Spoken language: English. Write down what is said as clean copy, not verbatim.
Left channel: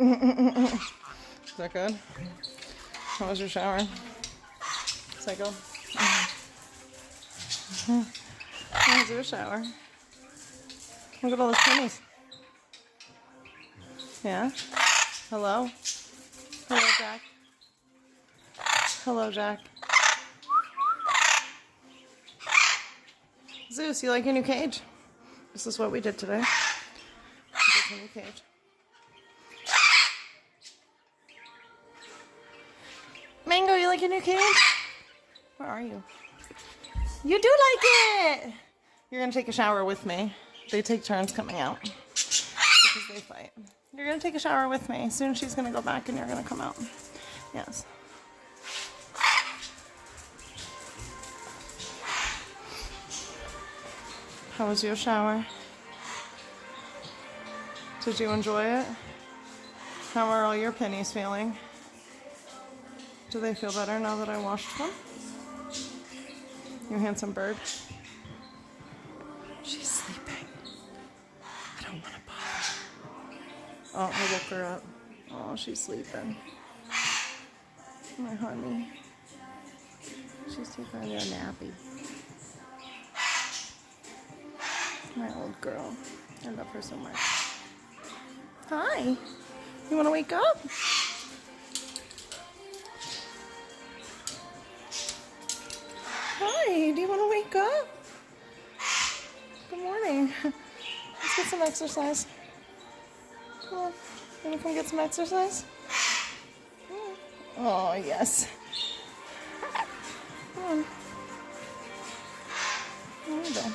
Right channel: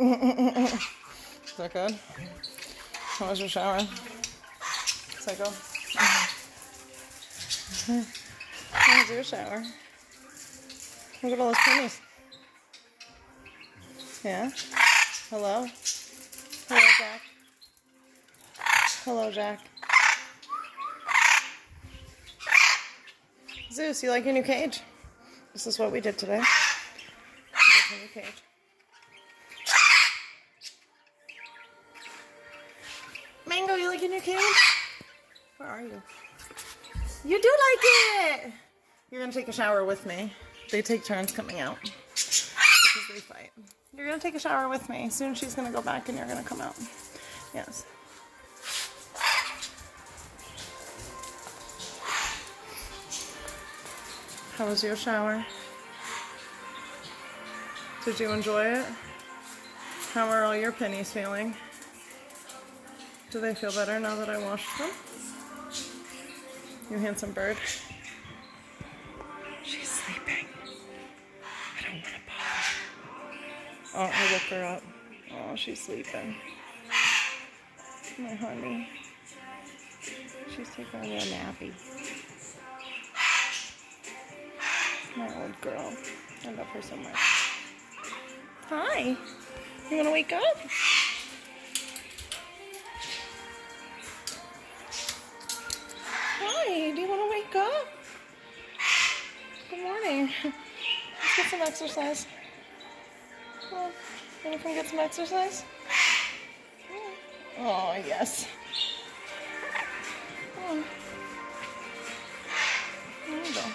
Is that good? How was your shower? Psycho? How was your shower? Look at all those pennies. Yeah? Hello? Hello, Jack. Hello, Jack. Zeus, you like your new cage? This is what we did today. We did your new cage. Mango, you like your new cage? Where are you? You do like it! You're gonna take a shower with me. They take turns coming out. Because they fight. You're gonna take a shower with me. Soon she's gonna go back and you're gonna come out. Yes. How was your shower? Did you enjoy it? How are all your pennies feeling? Do they feel better now that I washed them? You handsome bird. She's sleeping. I don't want to bother. Oh, I woke her up. Oh, she's sleeping. My honey. She's taking a little nappy. My old girl. I love her so much. Hi. You want to wake up? Hi. Do you want to wake up? Good morning. Let's get some exercise. Come on. You want to come get some exercise? Oh, yes. Come on. There you go.